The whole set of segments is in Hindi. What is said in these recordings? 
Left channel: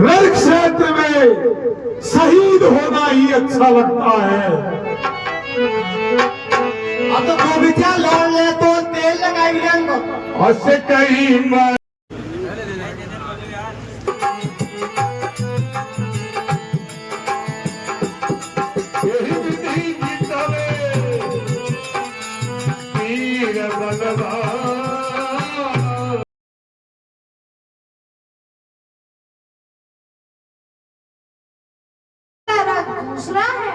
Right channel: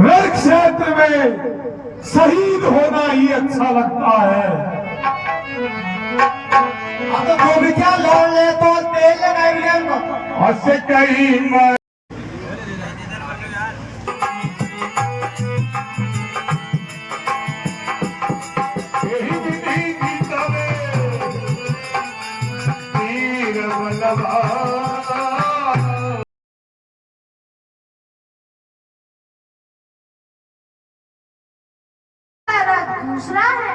रण क्षेत्र में शहीद होना ही अच्छा लगता है। अब तो गोविंदा लौट ले तो तेल लगाएंगे और से कहीं मैं यही विधि जीतवे वीर बलवान। दूसरा है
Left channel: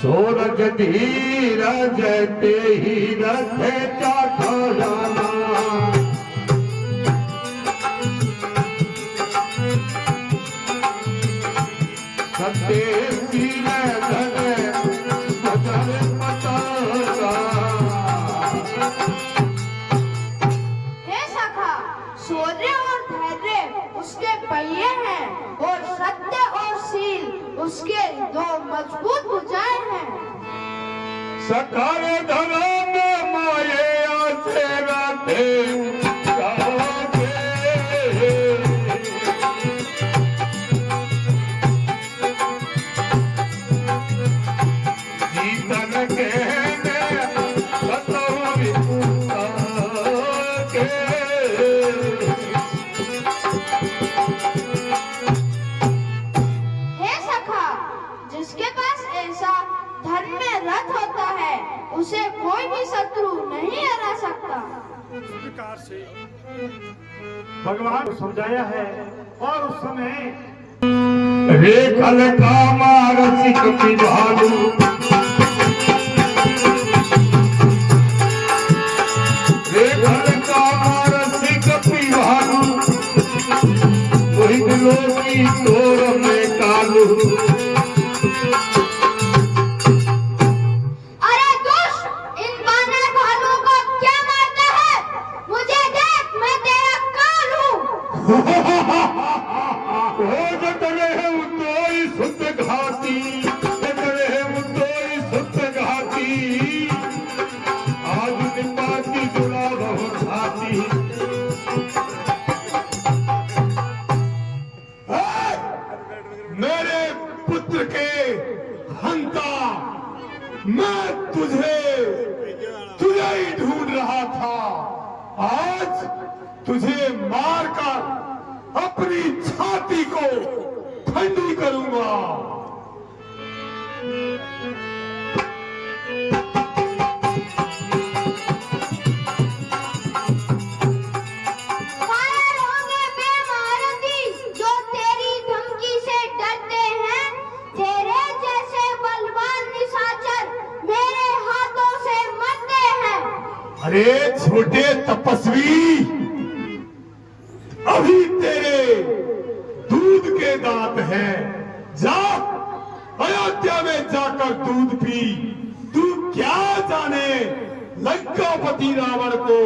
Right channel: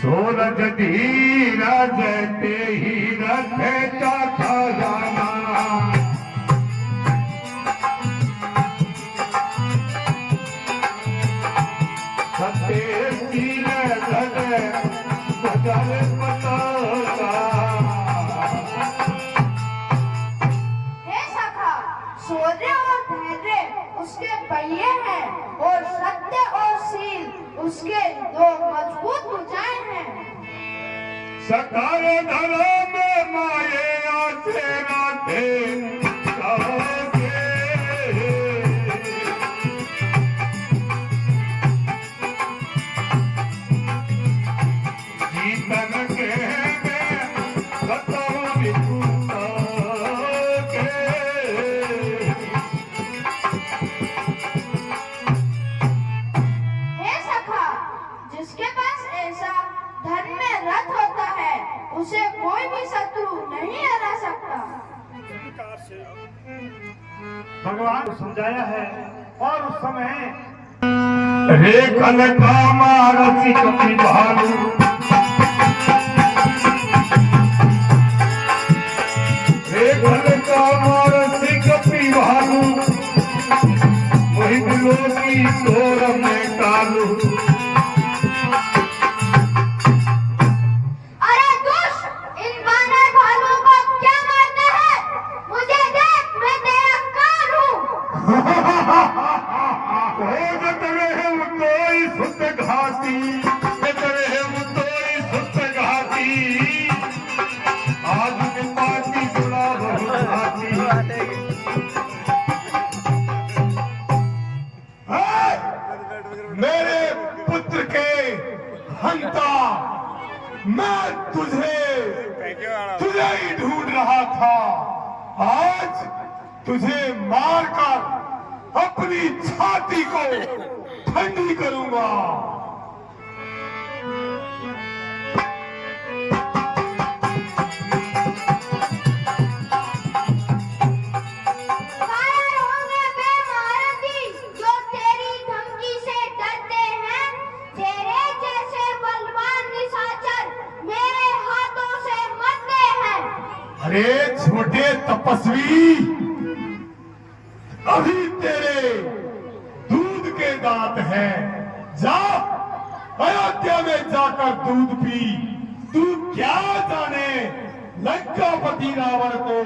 सूरज धीरा जैते ही रखे का खजाना। सत्य सीने धने बदल पतासा। हे सखा, शौर्य और धैर्य उसके पहिए हैं और सत्य और शील उसके दो मजबूत भुजाएं हैं। सकार धरा में माये आसे राधे जागे। जीतन के बताओ विपुता के। हे सखा, जिसके पास ऐसा धर्म में रथ होता है उसे कोई भी शत्रु नहीं हरा सकता। भगवान को समझाया है और उस समय रे कल कामा रसिक पिभालू। रे कल कामा रसिक पिभालू। मोहित लोकी तोर में कालू। अरे दुष्ट, इन बानर भालू को क्या मारते हैं? मुझे देख, मैं तेरा काल हूँ। उतोई सुत घाटी उतोई सुत घाटी। आज निपाती जुड़ा बहुत घाटी। मेरे पुत्र के हंता, मैं तुझे ही ढूंढ रहा था। आज तुझे मारकर अपनी छाती को ठंडी करूंगा। कायर होंगे बेमहारती जो तेरी धमकी से डरते हैं। तेरे जैसे बलवान निशाचर मेरे हाथों से मरते हैं। अरे छोटे तपस्वी, अभी तेरे दूध के दांत हैं। जा अयोध्या में जाकर दूध पी। तू क्या जाने लंकापति रावण को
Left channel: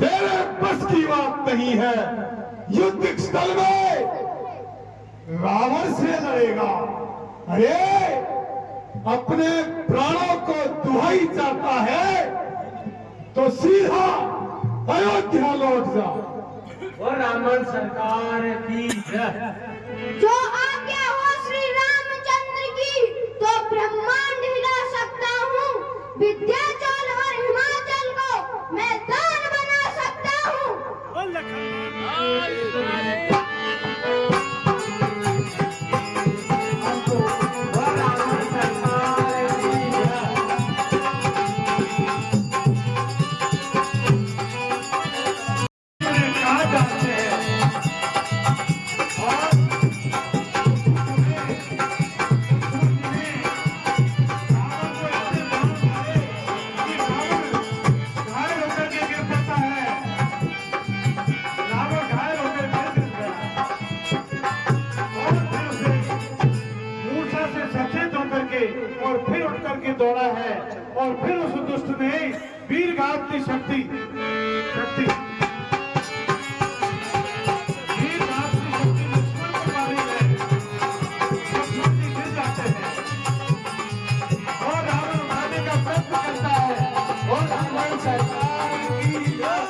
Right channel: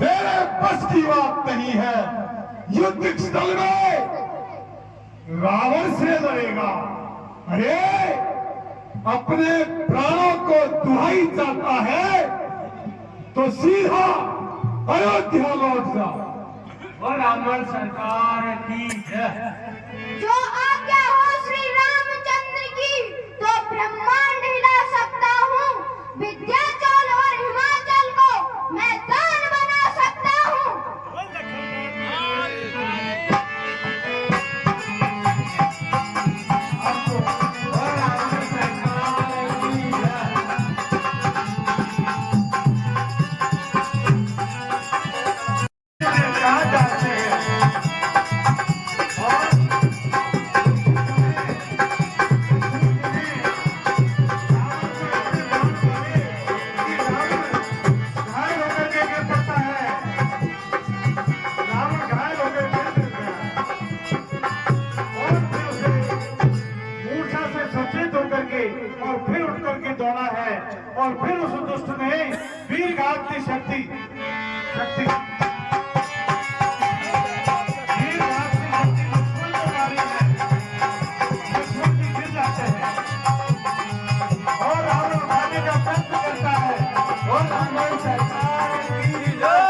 तेरे बस की बात नहीं है। युद्ध स्थल में रावण से लड़ेगा। अरे अपने प्राणों को दुहाई चाहता है तो सीधा अयोध्या लौट जा। और रावण सरकार की जय। जो आज्ञा हो श्री रामचंद्र की, तो ब्रह्मांड हिला सकता हूँ। विद्याचल और हिमाचल को मैं दान बना सकता हूँ। कहा जाते हैं और फिर उठ करके दौड़ा है और फिर उस दुष्ट ने वीरघात की शक्ति वीरघात की शक्ति दुश्मन को मारी है। दुश्मन भी गिर जाते हैं और रावण मारने का प्रयत्न करता है और रावण सरकार की जय।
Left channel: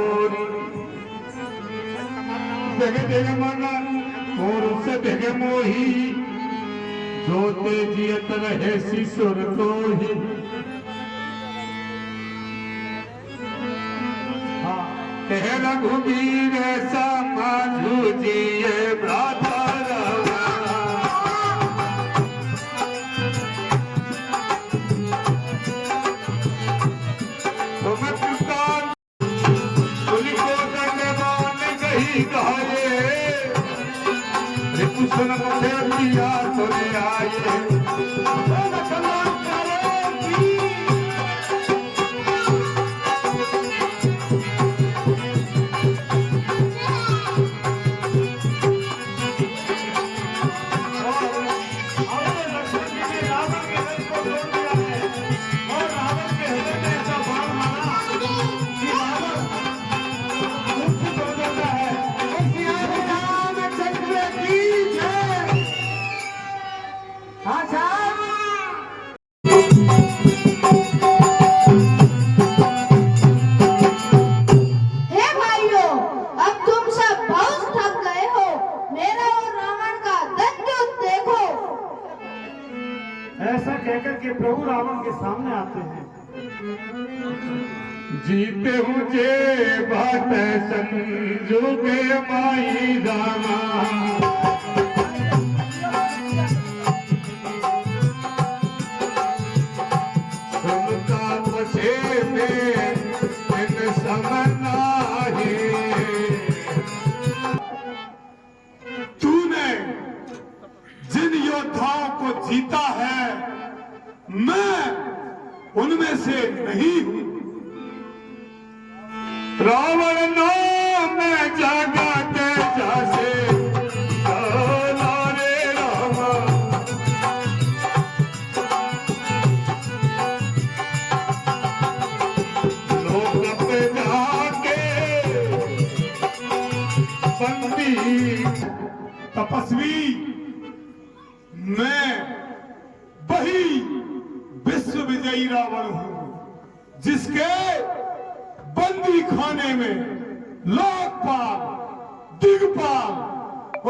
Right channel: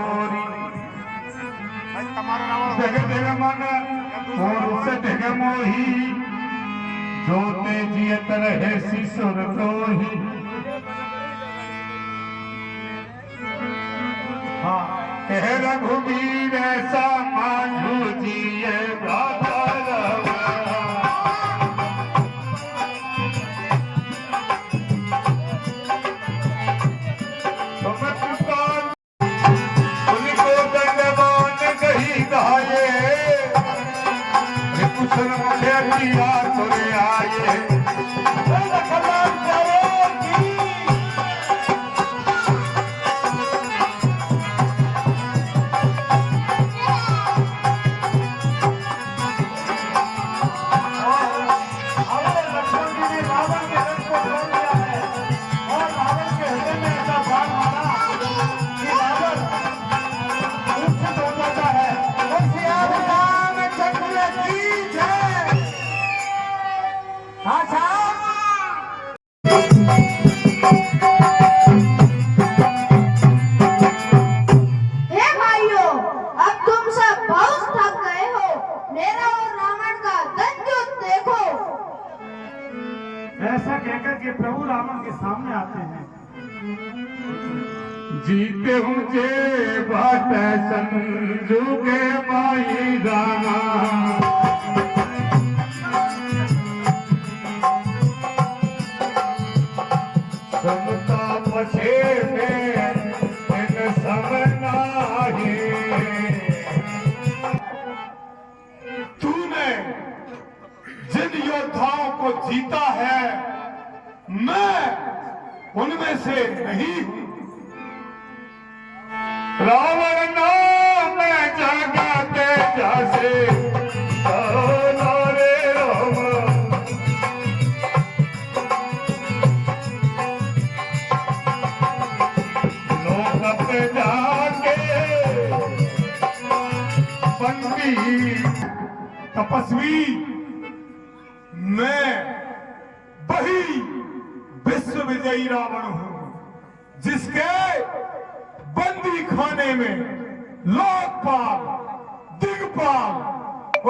होरी जग दिल मन और से ढग मोही जोते जियत रहे सिसुर तो ही। हाँ कह रघुबीर ऐसा मांझू जिए भ्राता कुशन मुखे किया तुरे आए ऐसा कहकर के प्रभु रावण के सामने आते हैं। जीते हूँ जे बात संजू के माई रामा समता पछे में इन समना है। तूने जिन योद्धाओं को जीता है मैं उनमें से नहीं हूं। रावण नाम जगा के जासे रे राम लोक पे जाके बंदी तपस्वी मैं वही विश्व विजयी रावण हूं जिसके बंदी खाने में लोकपाल दिग्पाल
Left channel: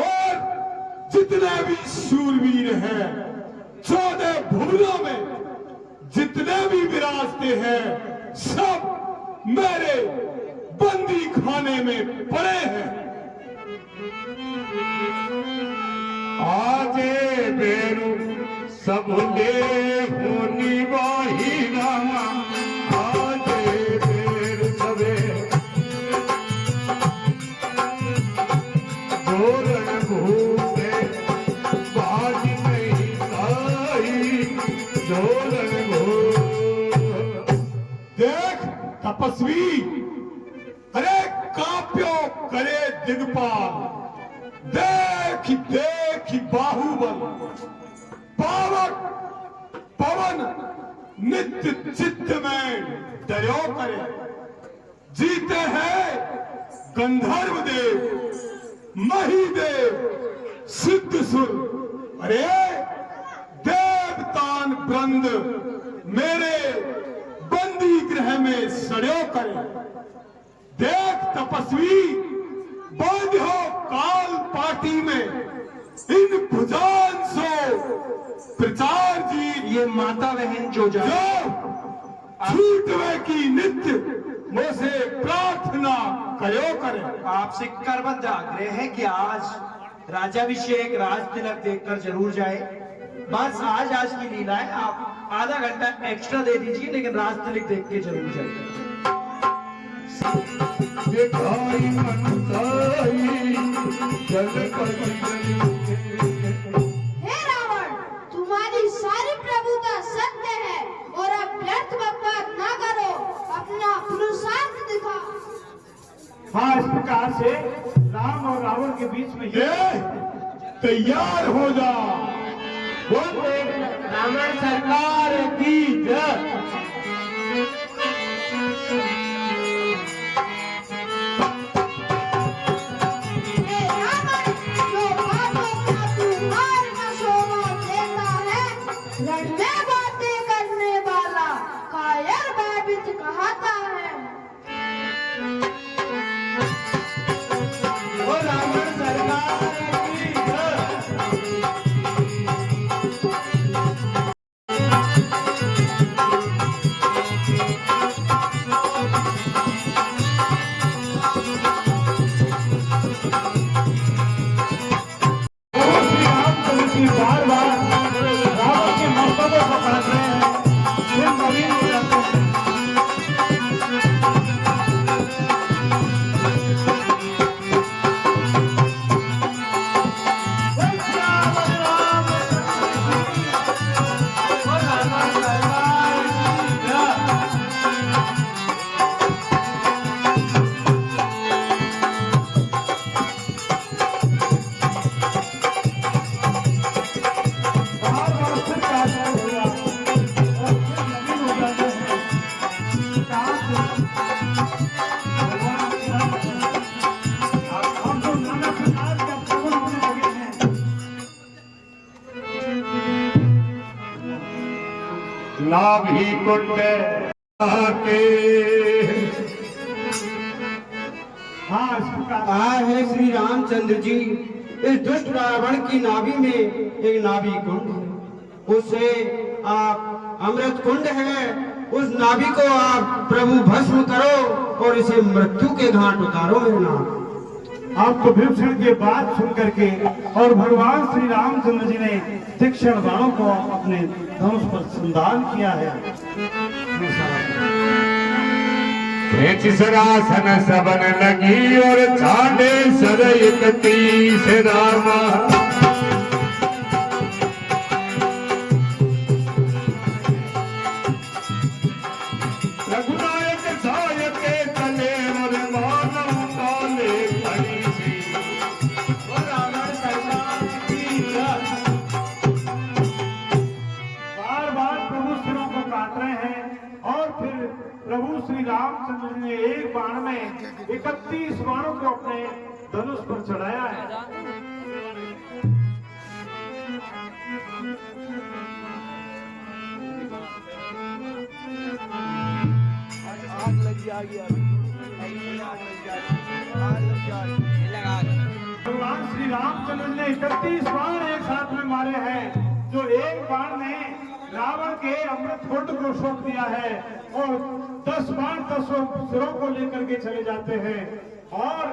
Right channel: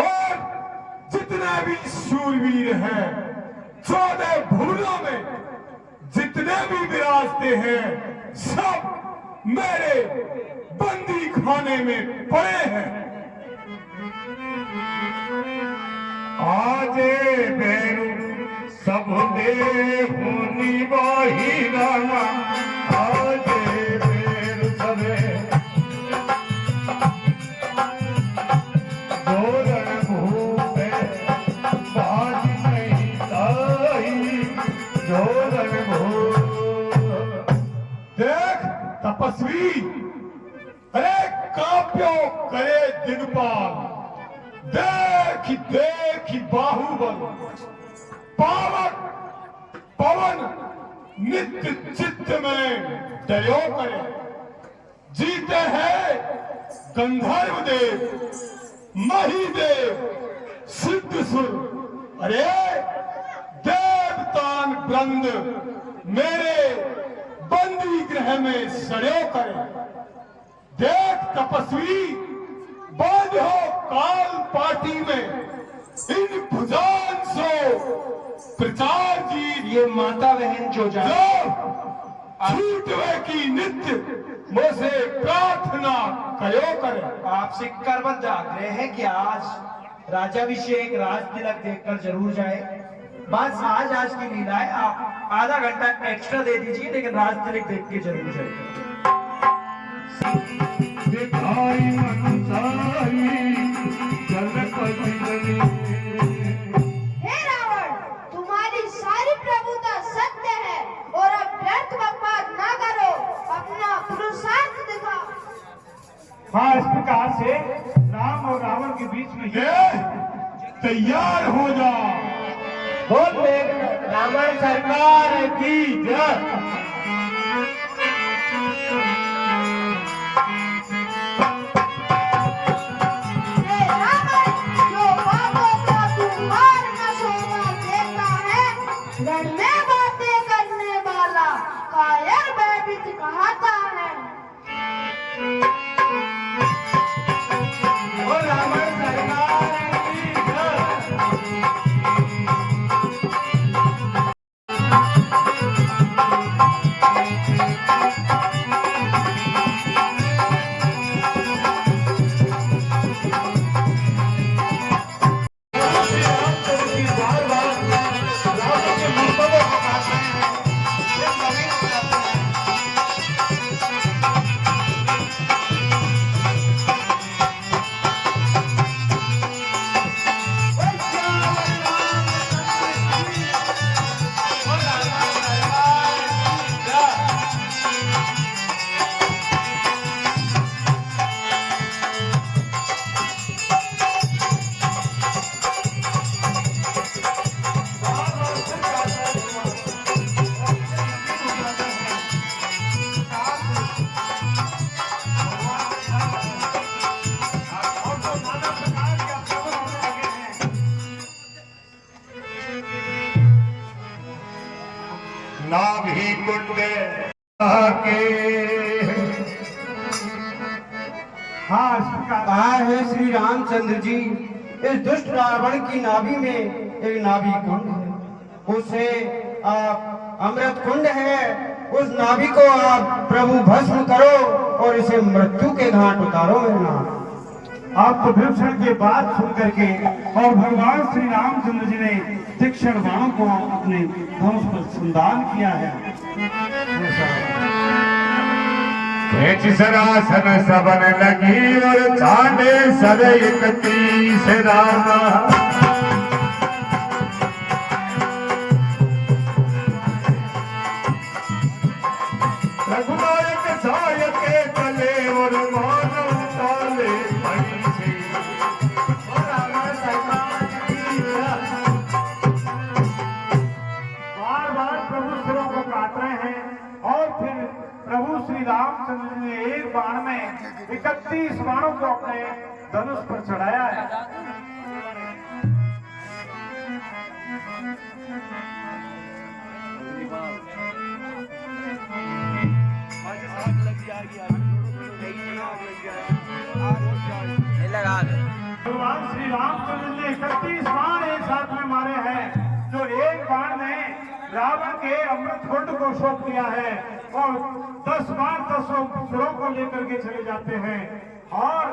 और जितने भी शूरवीर हैं 14 भुवनों में जितने भी विराजते हैं सब मेरे बंदी खाने में पड़े हैं। आजे बेरू सब दे होनी वही रामा आजे बेरू सबे जोरण भूपे बाज नहीं आई जोरण भूप। देख तपस्वी अरे काप्यो करे दिग्पाल देखी देखी बाहुबल पावक पवन नित्य चित्त में डरो करे। जीते हैं गंधर्व देव महिदेव सिद्धसुर अरे देवतान वृंद मेरे बंदी गृह में सड़ो करे। देख तपस्वी बांधो काल पार्टी में इन भुजान सो प्रचार जी ये माता बहन जो जाए छूटवे की नित्य मुझसे प्रार्थना करो करे। आपसे करबद्ध आग्रह है कि आज राजाभिषेक राज तिलक देखकर जरूर जाए। बस आज की लीला है, आप आधा घंटा एक्स्ट्रा दे दीजिए लेकिन राज तिलक देख के जरूर जाए। दिखाई मनसाई जलपति जली। हे रावण, तुम्हारी सारी प्रभुता सत्य है और अब व्यर्थ बकवास ना करो, अपना पुरुषार्थ दिखाओ। हाँ इस प्रकार से राम और रावण के बीच में तैयार हो जा। बोल रावण सरकार की जय। रण में बातें करने वाला कायर भयभीत कहता है। मुंड के। हाँ, इस प्रकार आए हैं श्री रामचंद्र जी। इस दुष्ट रावण की नाभि में एक नाभि कुंड है, उसे आप अमृत कुंड है, उस नाभि को आप प्रभु भस्म करो और इसे मृत्यु के घाट उतारो मेरे नाथ। आप तो विभीषण की बात सुन करके और भगवान श्री रामचंद्र जी ने तीक्ष्ण बाणों को अपने धनुष पर संधान किया है। भेंट सरासन सबन लगी और छाने सर 31 रामा। रघुनायक सायक के कले और मानव ताले भई से। बार बार प्रभु सिरों को काट रहे हैं और फिर प्रभु श्री रामचंद्र जी ने एक बाण में 31 बाणों को अपने धनुष पर चढ़ाया है। भगवान श्री रामचंद्र ने 31 बाण एक साथ में मारे हैं, जो एक बाण ने रावण के अमृत कुंड को शोक दिया है और 10 बाण 10 सिरों को लेकर के चले जाते हैं और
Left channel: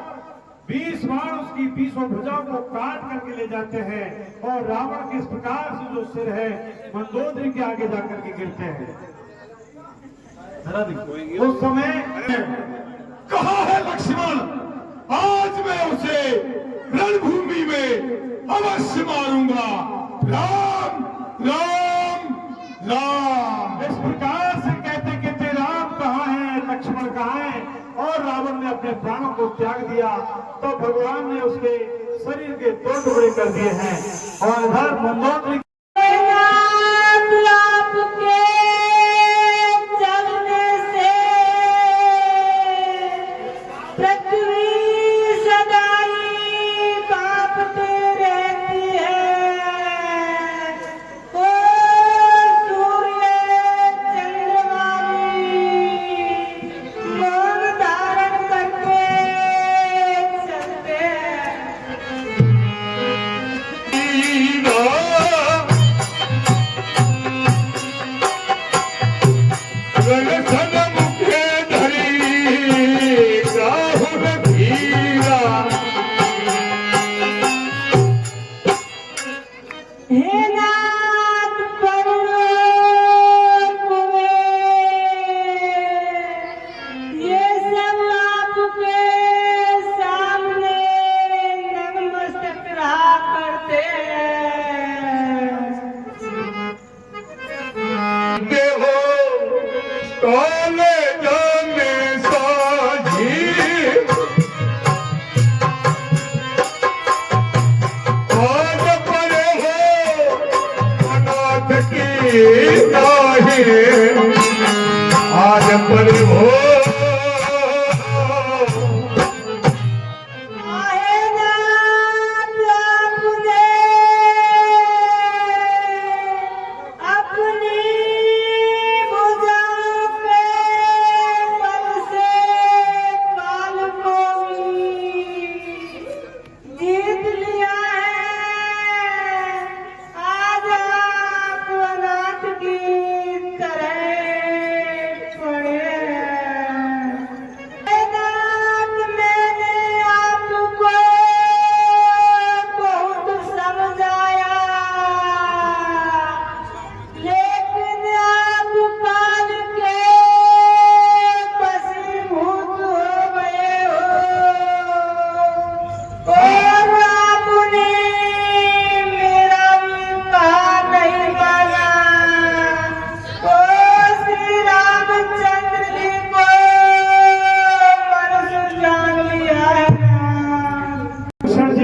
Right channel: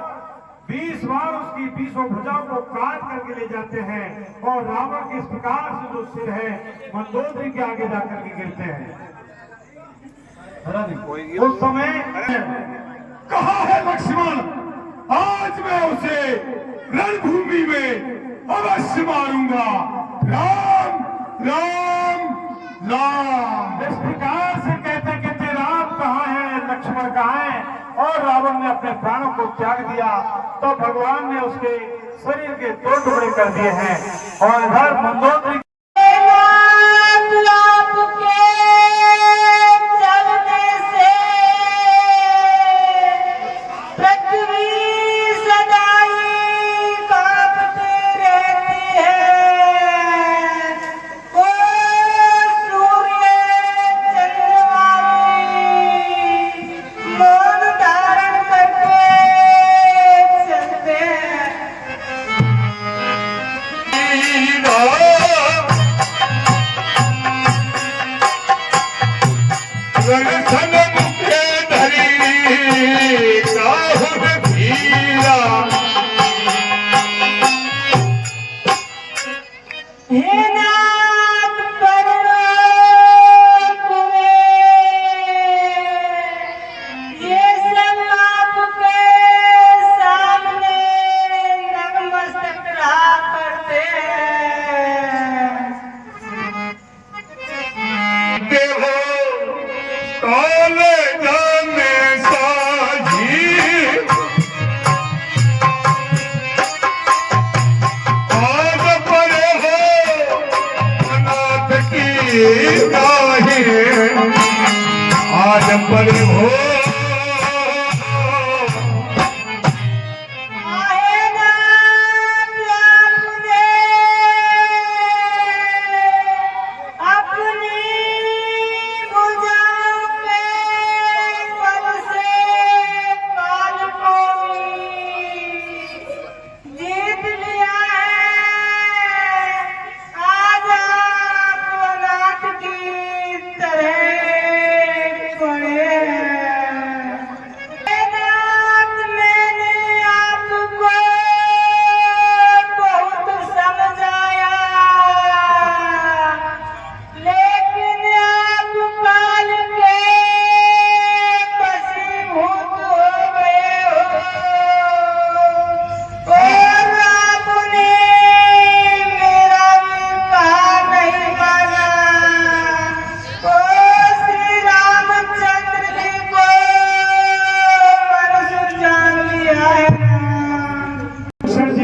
20 बाण उसकी 20 भुजाओं को काट करके ले जाते हैं और रावण के इस प्रकार से जो सिर है मंदोदरी के आगे जाकर के गिरते हैं। उस समय कहा है लक्ष्मण, आज मैं उसे रणभूमि में अवश्य मारूंगा। राम राम राम। इस प्रकार से कहते कहते राम कहाँ है, लक्ष्मण कहाँ है, और रावण ने अपने प्राणों को त्याग दिया तो भगवान ने उसके शरीर के 2 टुकड़े कर दिए हैं और इधर मंदोदरी आज पर हो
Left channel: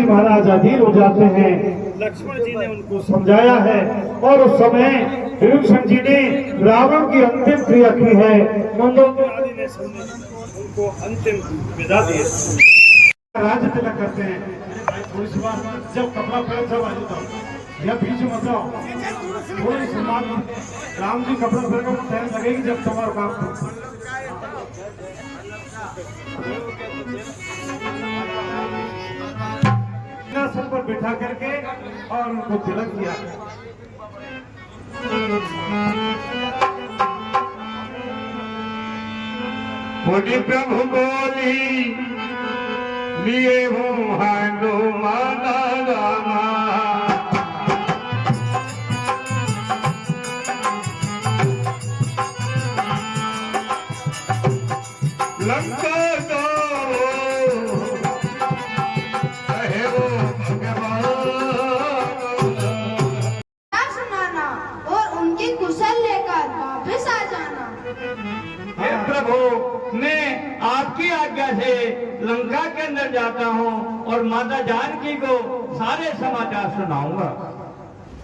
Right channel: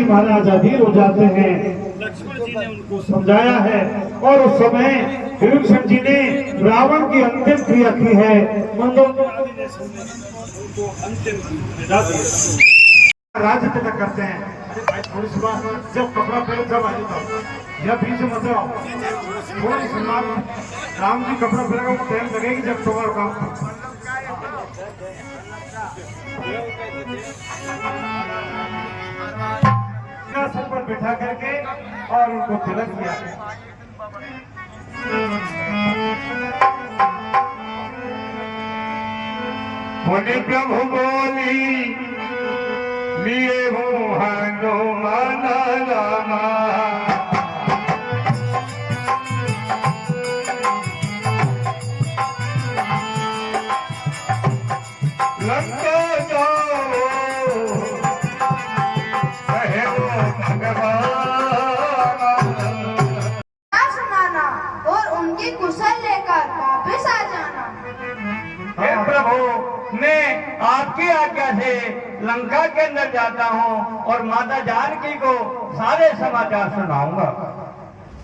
महाराज अधीर हो जाते हैं। लक्ष्मण जी ने उनको समझाया है और उस समय विभीषण जी ने रावण की अंतिम क्रिया की है। मंदोदरी आदि ने उनको अंतिम विदा दी। राज्य तिलक करते हैं। थोड़ी सी बात, जब कपड़ा पहले तब आ जाता, या बीच में मत रहो, थोड़ा सा सम्मान। राम जी कपड़ा पहनेगा तो टाइम लगेगी जब तुम्हारा काम। सिंहासन पर बिठा करके और उनको तिलक किया। बोली प्रभु बोली लिए हूँ हनुमाना रामा, लंका जाओ कहे वो भगवान। सुनाना और उनकी कुशल लेकर वापस आ जाना। हे प्रभु, मैं आपकी आज्ञा से लंका के अंदर जाता हूँ और माता जानकी को सारे समाचार सुनाऊंगा।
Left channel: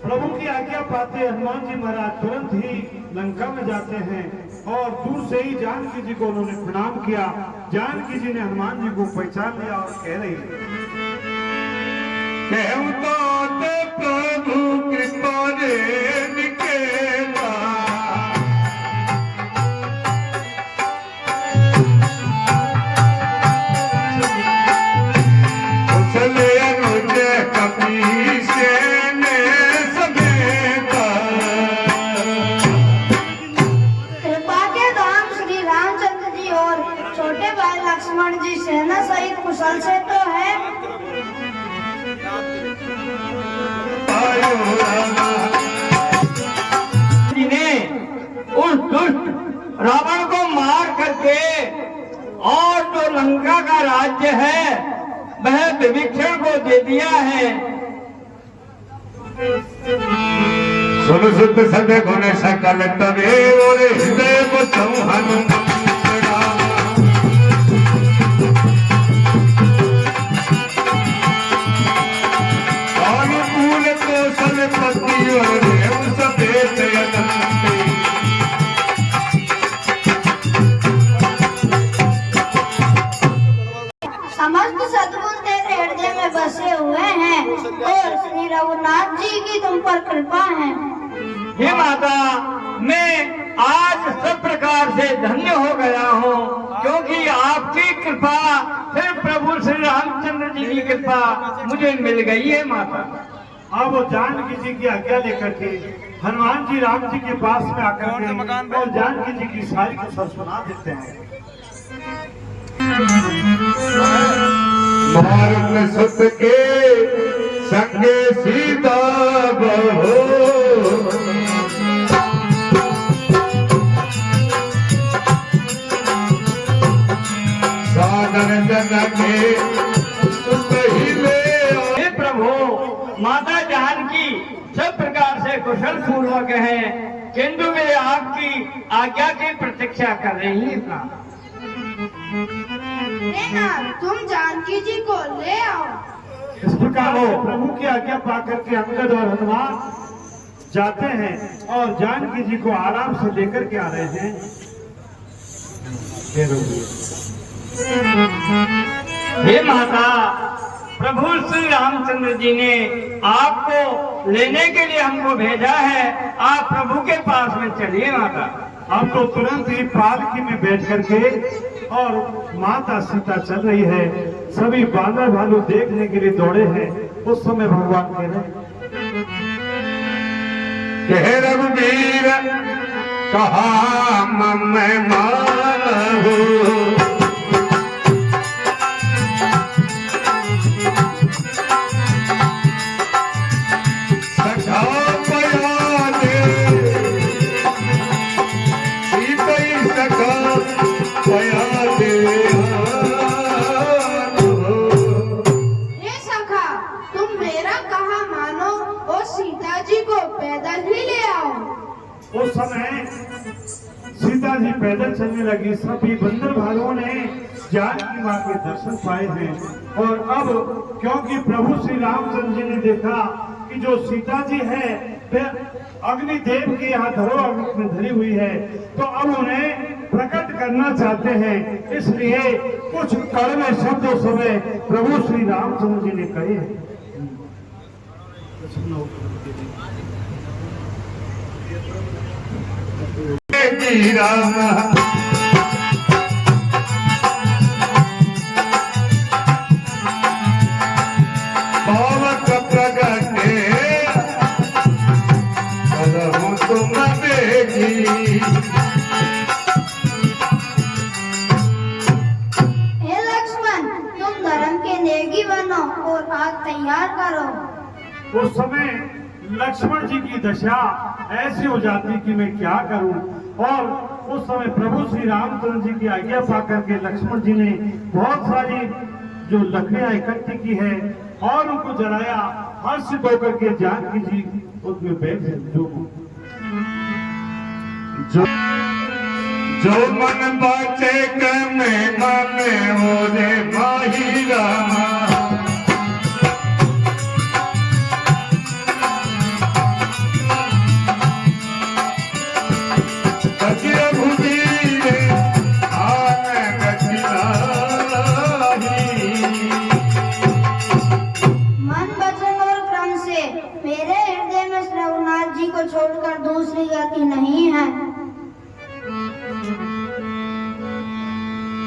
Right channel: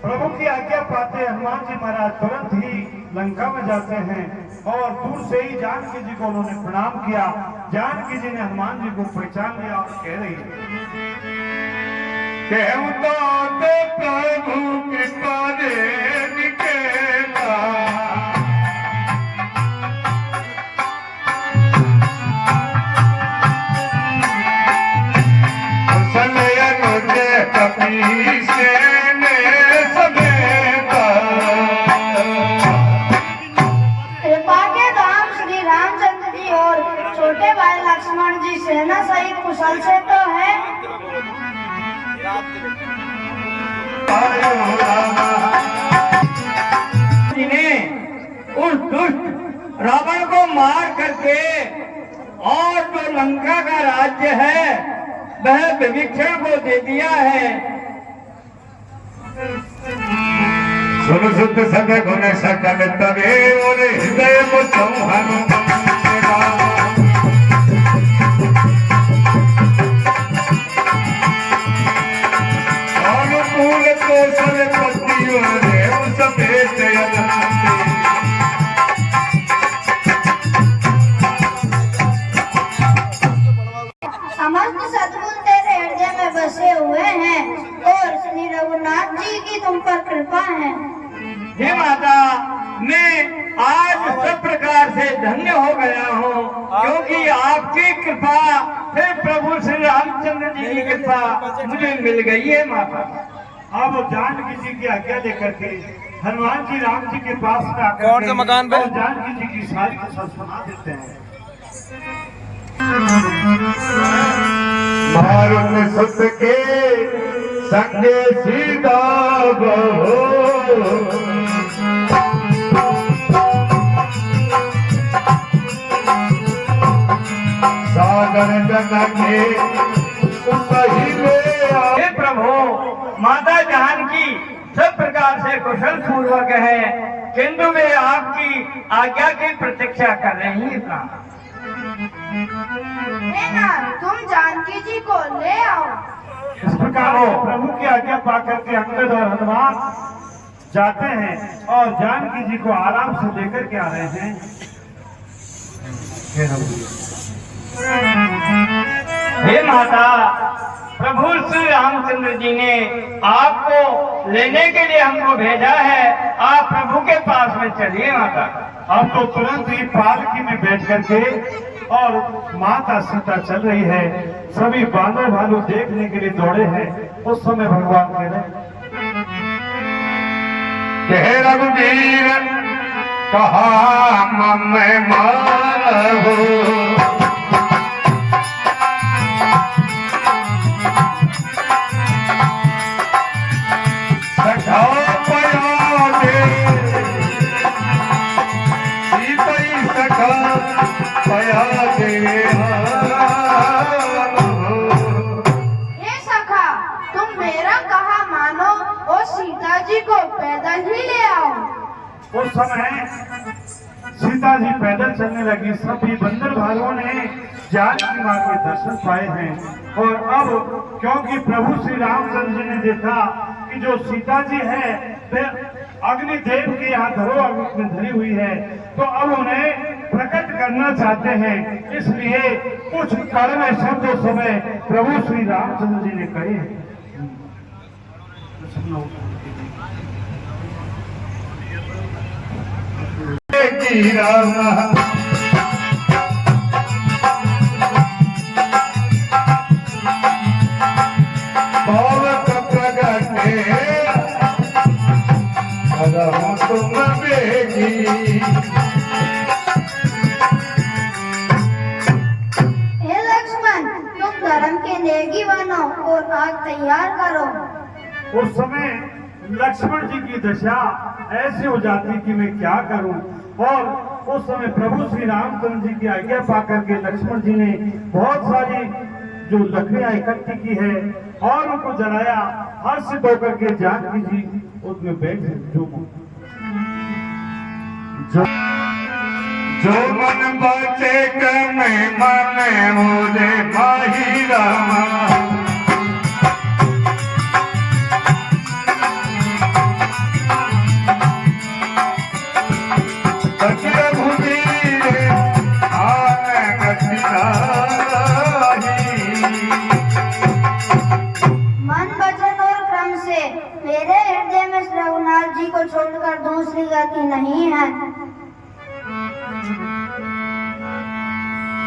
प्रभु की आज्ञा पाते हनुमान जी महाराज तुरंत ही लंका में जाते हैं और दूर से ही जानकी जी को उन्होंने प्रणाम किया। जानकी जी ने हनुमान जी को पहचान लिया और कह रही कहूँ तो प्रभु कृपा रे निकेला, चले अनुज कपीस ने समेता। कृपा के धाम श्री रामचंद्र जी और छोटे भाई लक्ष्मण जी सेना सहित कुशल से तो है। उस दुष्ट रावण को मार करके और जो लंका का राज्य है वह विभीषण को दे दिया है। सुन सुत सद गुण सकल तवे और हृदय को चौहान अनुकूल कौशल पति और सफेद समस्त सद्गुण तेरे हृदय में बसे हुए हैं और श्री रघुनाथ जी की तुम पर कृपा है। हे माता, मैं आज सब प्रकार से धन्य हो गया हूँ क्योंकि आपकी कृपा, फिर प्रभु श्री रामचंद्र जी की कृपा मुझे मिल गई है माता। अब जानकी जी की आज्ञा लेकर के हनुमान जी राम जी के पास में आकर के और जानकी जी की सारी कुशल सुना देते हैं। मारुत सुत के संगे सीता बहो, सागर जनके पहिले। हे प्रभु, माता जानकी सब प्रकार से कुशल पूर्वक है किंतु वे आपकी आज्ञा की प्रतीक्षा कर रही है। तुम जानकी जी को ले आओ। इस प्रकार से प्रभु की आज्ञा पाकर के अंगद और हनुमान जाते हैं और जानकी जी को आराम से लेकर के आ रहे हैं। हे माता, प्रभु श्री रामचंद्र जी ने आपको लेने के लिए हमको भेजा है, आप प्रभु के पास में चलिए माता। अब तो तुरंत ही पालकी में बैठ करके और माता सीता चल रही है। सभी बानर भालू देखने के लिए दौड़े हैं। उस समय भगवान कह रहे रघुवीर कहा मैं मानहु, सखा पया दे सीतई सखा पया दे। हे सखा, तुम मेरा कहा मानो और सीता जी को पैदल ही ले आओ। उस समय सीता जी पैदल चलने लगी। सभी बंदर भालुओं ने जानकी मां के दर्शन पाए हैं और अब क्योंकि प्रभु श्री रामचंद्र जी ने देखा कि जो सीता जी है वह अग्निदेव के यहाँ धरोहर में धरी हुई है, तो अब उन्हें प्रकट करना चाहते हैं, इसलिए कुछ कड़वे शब्दों समय प्रभु श्री रामचंद्र जी ने कहे हैं। बालक प्रगटे करहु तुम बेगी। हे लक्ष्मण, तुम धर्म के नेगी बनो और आग तैयार करो। उस समय लक्ष्मण जी की दशा ऐसी हो जाती कि मैं क्या करूं, और उस समय प्रभु श्री रामचंद्र जी की आज्ञा पाकर के लक्ष्मण जी ने बहुत सारी जो लकड़ियां इकट्ठी की है और उनको जलाया। हर्षित होकर के जानकी जी उसमें बैठ जो मन बचे के मैं माने हो रे माही रामा। मन वचन और क्रम से मेरे हृदय में रघुनाथ जी को छोड़कर दूसरी गति नहीं है।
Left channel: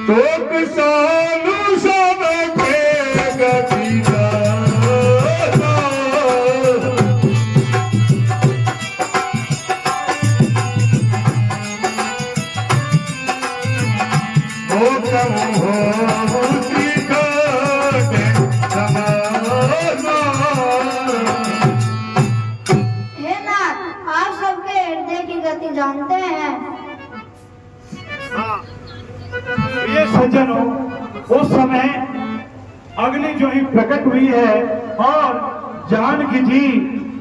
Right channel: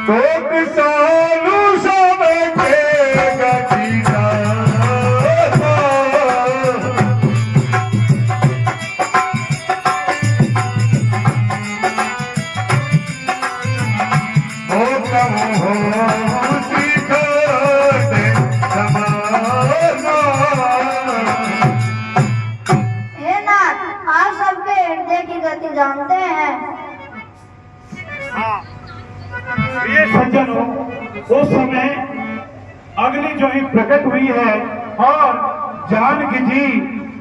तो किसानों सब के गतिरा हे नाथ, आप सबके हृदय की गति जानते हैं। ये सज्जनों, उस समय अग्नि जो ही प्रकट हुई है और जानकी जी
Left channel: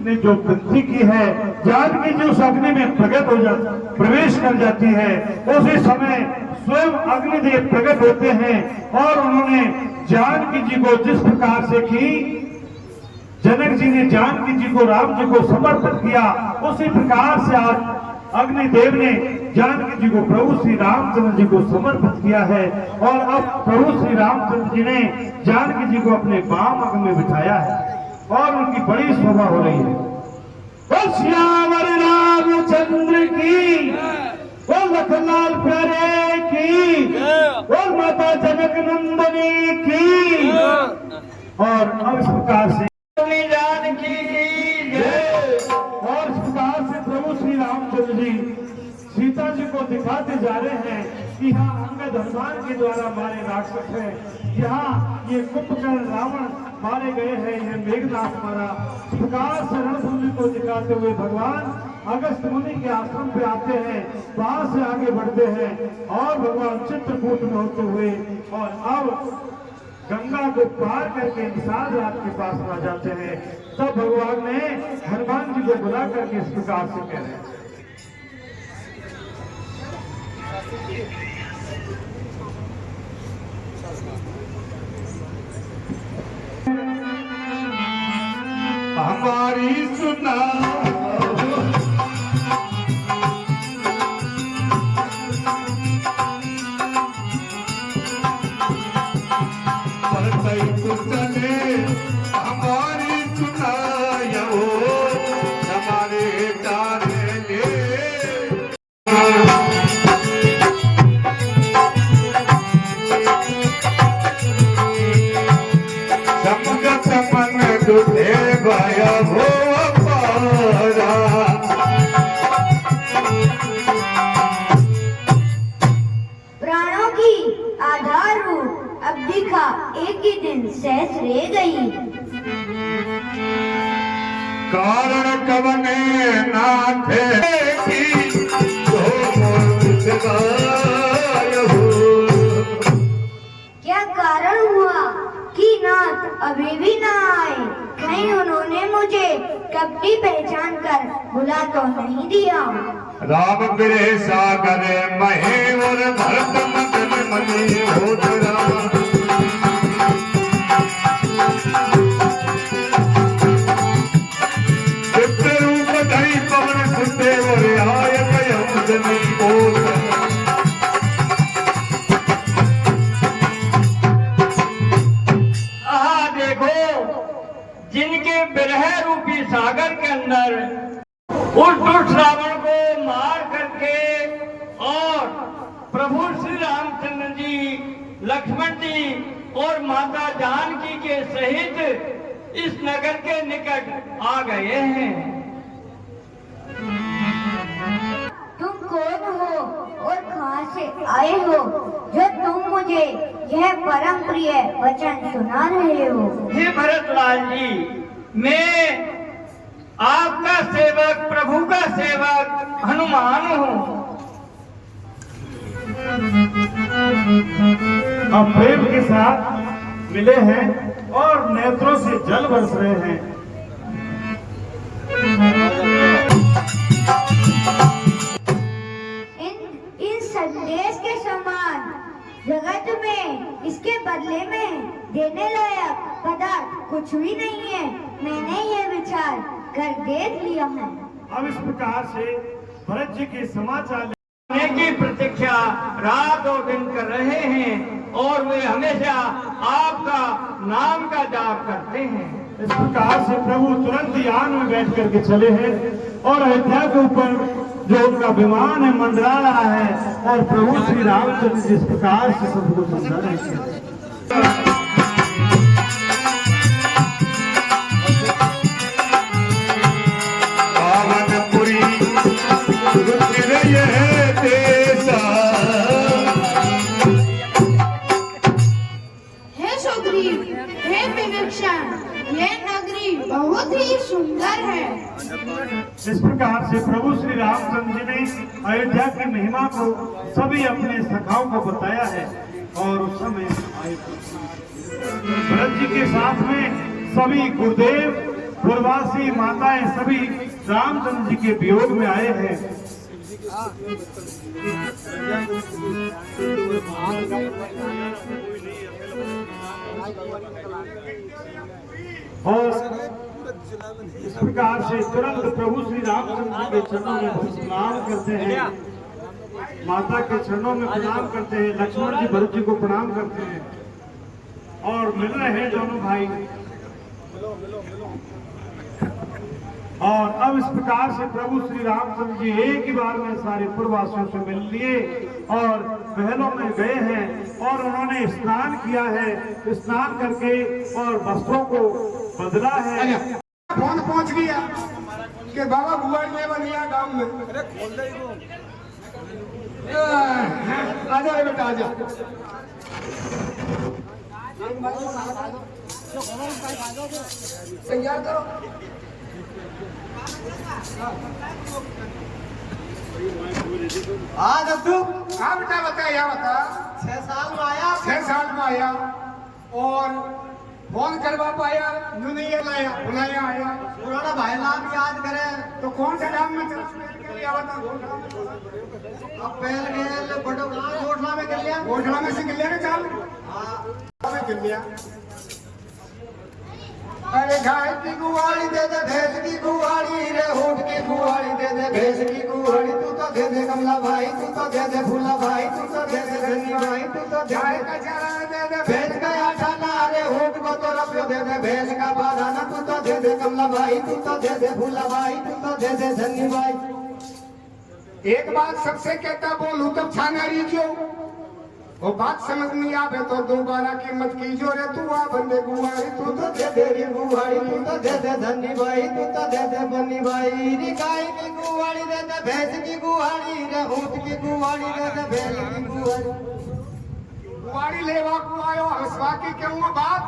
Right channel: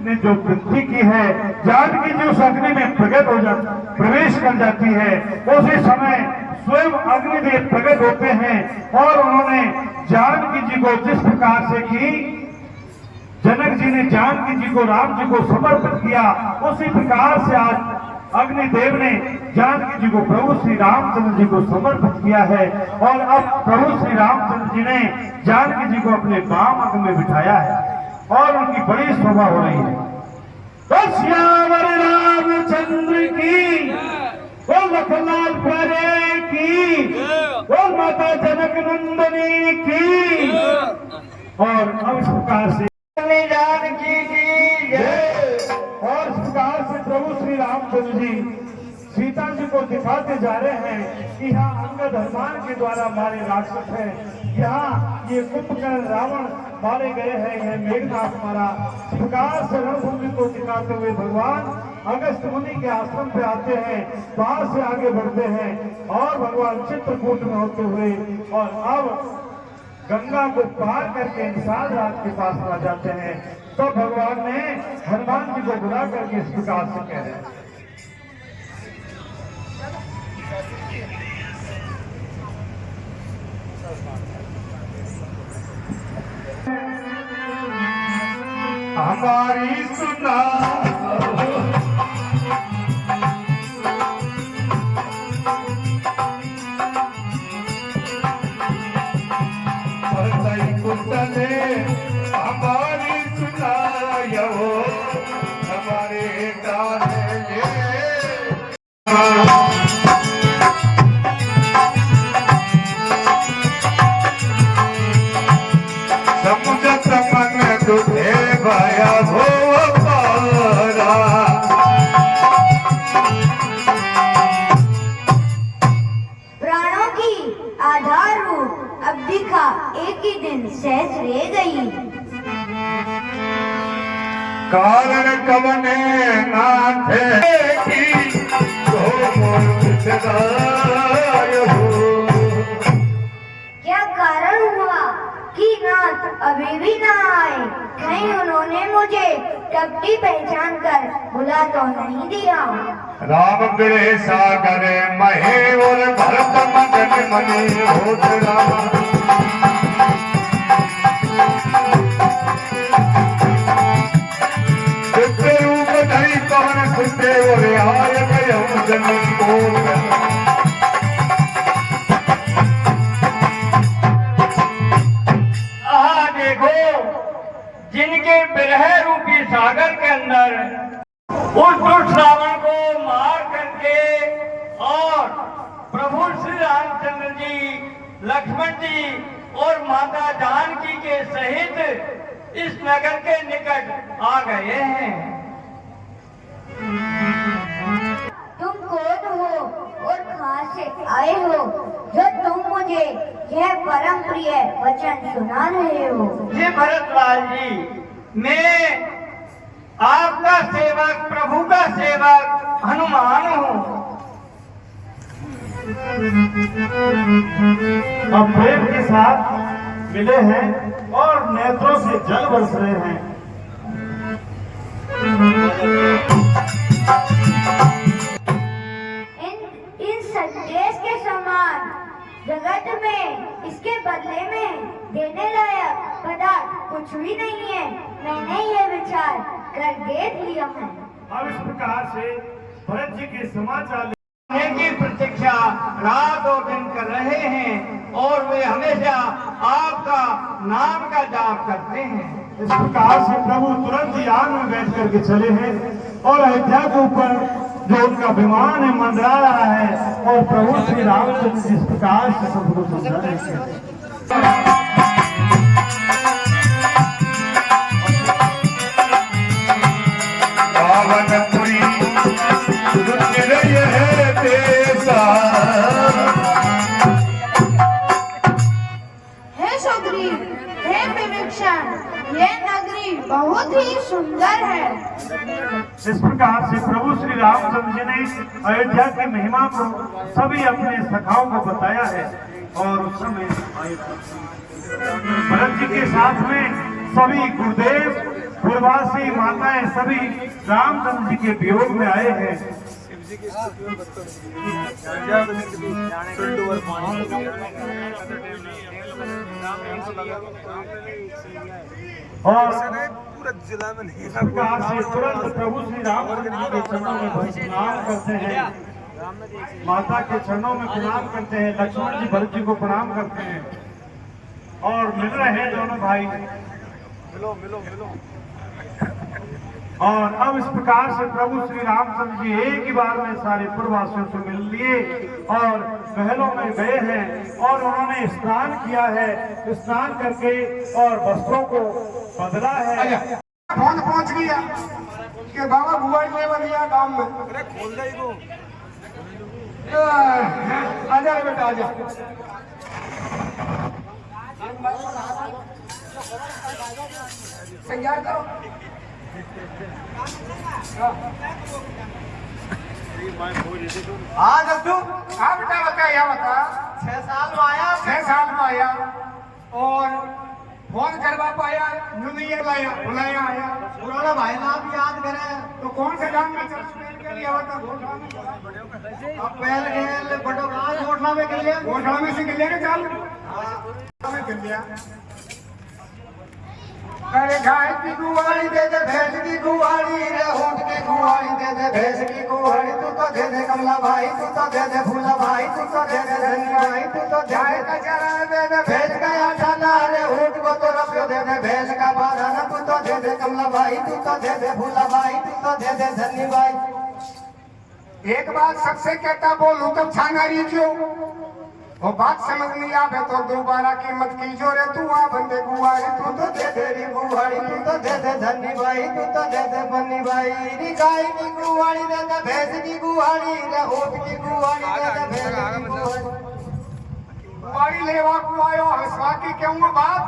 ने जो वृद्धि की है, जानकी जी उस अग्नि में प्रकट हो जाती, प्रवेश कर जाती है। उसी समय स्वयं अग्निदेव प्रकट होते हैं और उन्होंने जानकी जी को जिस प्रकार से की जनक जी ने जानकी जी को राम जी को समर्पित किया, उसी प्रकार से आज अग्निदेव ने जानकी जी को प्रभु श्री रामचंद्र जी को समर्पित किया है। और अब प्रभु श्री रामचंद्र जी ने जानकी जी को अपने वाम अंग में बिठाया है और उनकी बड़ी शोभा हो रही है। तो श्यावर रामचंद्र की, वो लखनलाल प्यारे की, वो माता जनक नंदनी की। और अब इस प्रकार से जानकी की जय। और इस प्रकार से प्रभु श्री रामचंद्र जी सीता जी को दिखाते जा रहे हैं कि यहाँ अंगद हनुमान के द्वारा मारे राक्षस हैं, यहाँ ये कुंभकर्ण रावण मारे गए हैं, यह मेघनाथ मारा। इस प्रकार से रणभूमि को दिखाते हुए भगवान अगस्त मुनि के आश्रम पे आते हैं, वहां से आगे बढ़ते हैं और भगवान चित्रकूट में होते हुए और अब गंगा को पार करके निशान राज के पास आ जाते हैं। तो भगवान ने हनुमान जी को बुला करके इस प्रकार से कह रहे हैं, हमारी सुना कुतने हमारी सुनायो हमारे डाले समझत मन दुखे भया भो पारा। प्राणों की आधार रूप अब दिखा एक ही दिन सहज रह गई। कारण कवने नाथे की तो मोर हो। क्या कारण हुआ कि नाथ अभी भी न आए? कहीं उन्होंने मुझे टपटी पहचान कर बुला तो नहीं दिया? राम बिरे सागर महे और भरत मगन मनी होत राम। चित्र रूप धरी पवन सुते और आय गयम जनी को। जिनके विरह रूपी सागर के अंदर उस दुष्ट रावण को मार करके और प्रभु श्री रामचंद्र जी, लक्ष्मण जी और माता जानकी के सहित इस नगर के निकट आ गए हैं। तुम कौन हो और कहां से आए हो जो तुम मुझे यह परम प्रिय वचन सुना रहे हो? हे भरतलाल जी, मैं आपका सेवक, प्रभु का सेवक हनुमान हूँ। अब प्रेम के साथ मिले हैं और नेत्रों से जल बरस रहे हैं। इन संदेश के समान जगत में इसके बदले में देने लायक पदार्थ कुछ भी नहीं है। मैंने ये विचार कर देख लिया है। अब इस प्रकार से भरत जी के समाचार की प्रतीक्षा रात और दिन कर रहे हैं और वे हमेशा आपका नाम का जाप करते हैं। इस प्रकार से प्रभु तुरंत यान में बैठ करके चले हैं और अयोध्या के ऊपर जो उनका विमान है मंडरा रहा है और प्रभु श्री रामचंद्र जिस प्रकार से सबको समझा रहे हैं। हे सुग्रीव, हे विभीषण, ये नगरी बहुत ही सुंदर है। इस प्रकार से प्रभु श्री रामचंद्र जी ने अयोध्या की महिमा को सभी अपने सखाओं को बताया है और उस समय भरत जी के साथ में सभी गुरुदेव, पूर्ववासी, माताएं सभी रामचंद्र जी के वियोग में आए हैं। और इस प्रकार से तुरंत प्रभु श्री रामचंद्र जी के चरणों में प्रणाम करते हैं, माता के चरणों में प्रणाम करते हैं, लक्ष्मण जी भरत जी को प्रणाम करते हैं और मिल रहे हैं दोनों भाई। और अब इस प्रकार से प्रभु श्री रामचंद्र जी एक ही बार में सारे पूर्ववासियों से मिल लिए और महलों में गए हैं और उन्होंने स्नान किया है। स्नान करके और वस्त्रों को बदला है। फोन पहुंच गया कि बाबा बुआ ने बनिया गांव में। आजा रे बेटा आजा। तैयार करो। हाँ दद्दू, हाँ बेटा बता, या बता। 6 साल में आया। 6 साल में आया और फोन करवा पाया, यूं नहीं लाया, बुलाया आया। पुराना भाई नाम याद करें तो कौन से गांव में चल के लिया बता? अब पहले गेल बड़ो गांव घोषणा में कर लिया। घोषणा में से लिया के चाल में कर लिया। अरे गाय की गुवाड़ी दे दे, भैंस की गुवाड़ी रे, ऊंट की गुवाड़ी दे दे, भैंस की गुवाड़ी। तू तो दे दे कमला भाई, तू तो दे दे फूला भाई, तू तो दे दे धनी भाई, तू तो गाय का चारा दे दे, भैंस का आटाना रे, ऊंट को तो रपियो दे दे, भैंस का बादाना। तू तो दे दे कमला भाई, तू तो दे दे फूला भाई, तू तो दे दे धनी भाई। एक बात सबसे कहता बोलूं तब छाना रही क्यों? वो बात समझ नहीं आवे तो दोबारा कीमत की जो रे। तू आ बंदे गुवारी, तू तो दे दे री गुवारी, तू तो दे दे धनी भाई, तू तो दे दे बन्नी भाई। री गाय की गुवारी दे दे, भैंस की गुवारी रे, ऊंट की गुवारी दे दे, बैल की गुवारी। गुवारी लेवा को आयो हंसवा की क्यों बात?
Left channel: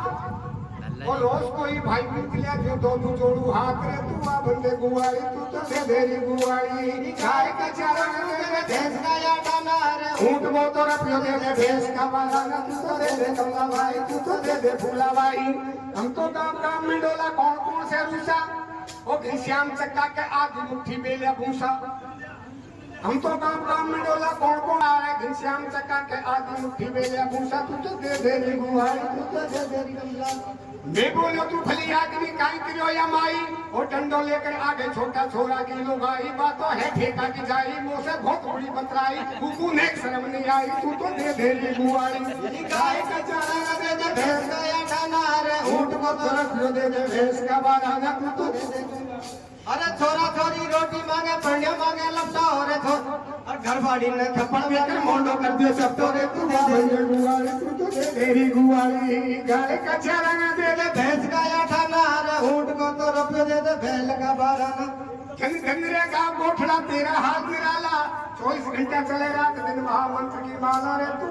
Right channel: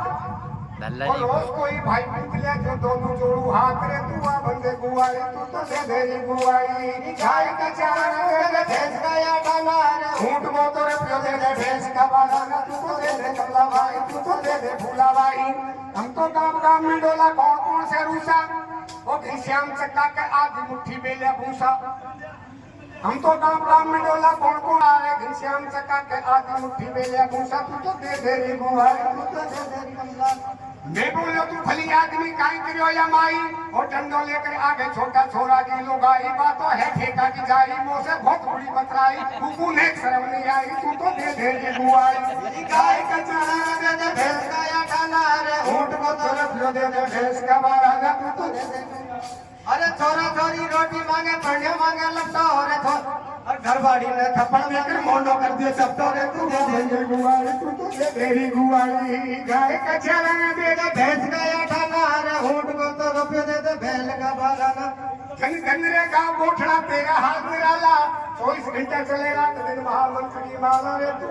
और रोज कोई भाई पूछ लिया जो दोनों जोड़ू हाथ रे। तू आ बंदे गुवारी, तू तो दे दे री गुवारी। गाय का चारा दे दे, भैंस का आटाना रे, ऊंट को तो रपियो दे दे, भैंस का बादाना। तू तो दे दे कमला भाई, तू तो दे दे फूला भाई। हम तो गाँव गाँव में डोला कौन कौन से रूसा, वो घनश्याम चक्का के आधी मुट्ठी बेलिया भूसा। हम तो गाँव गाँव में डोला कौन कौन आ रहे, घनश्याम चक्का के आधी मुट्ठी बेलिया भूसा। तू तो दे दे री गुवारी, तू तो दे दे री कमला। मैं बोलो तू भली आदमी काई करियो या माई, वो डंडो लेकर आगे छोटा छोरा की लुगाई। बातों है ठेका की जाई, मुँह से बहुत बुरी बतराई, कुकू ने शर्म नहीं आई। तू तो दे दे री गुवारी। गाय का चारा दे दे, भैंस का आटाना रे, ऊंट को तो रखियो दे दे भैंस का बाराना तू तो दे दे। अरे छोरा छोरी रोटी मांगे पढ़ने मांगे लगता हो रे थो और घर बाड़ी ने थप्पड़ देकर मोंडो कर दियो सब तो रे तू दे दे गुआरी तू तो दे मेरी गुआरी। गाय का चराना दे दे भैंस का आठाना अरे ऊंट को तो रुपये दे दे बैल का बाराना। धन धन रे का गोठड़ा तेरा हाथ निराला 24 घंटा चलेगा तो दिन महामंत्र की माला रे तू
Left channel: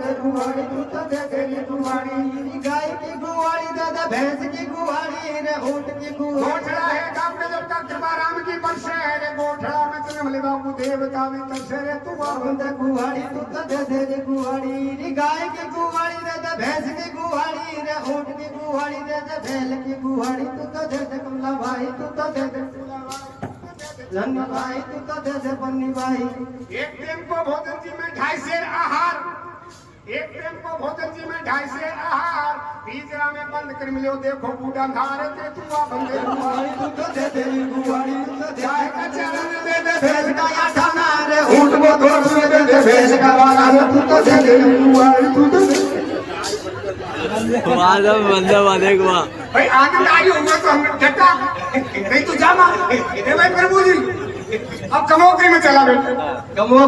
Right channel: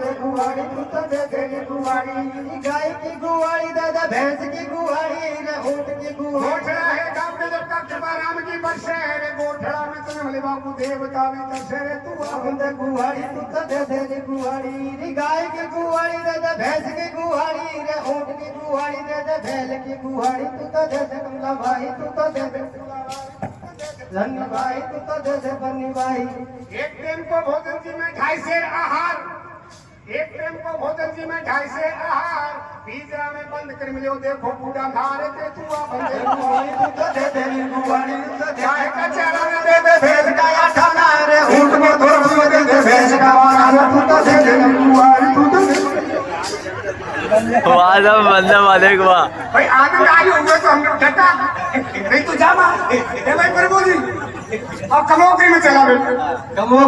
दे गुआरी तू तो दे दे गुआरी। गाय की गुआरी दे दे भैंस की गुआरी रे ऊंट की गुआरी। गोठड़ा है गाँव के जब तक कृपा राम की बरसे है रे गोठड़ा में तुम भले बाबू देवता भी तरसे रे तू दे गुआरी तू तो दे दे गुआरी। गाय की गुआरी दे दे भैंस की गुआरी रे ऊंट की गुआरी दे दे बैल की गुआरी तू तो दे दे कमला भाई तू तो दे दे धन्य भाई तू तो दे दे बन्नी भाई। एक टाइम को भोजन जी में 2.5 सेर आहार एक टाइम को भोजन जी में 2.5 सेर आहार पिंजरा में बंद कर मिलो देखो बूढ़ा धारे ते तू आ बंदे गुआरी तू तो दे दे गुआरी तू तो गाय का चराना दे दे भैंस का आठाना रे ऊंट को तो रुपये दे दे भैंस का बाराना तू तो दे दे गुआरी तू तो दे बंदे वाले को भाई आनंद आई होगा तो हम डटा नहीं तो जाना भाई प्रभु जी अब कमोकरी में चला बेटा कमो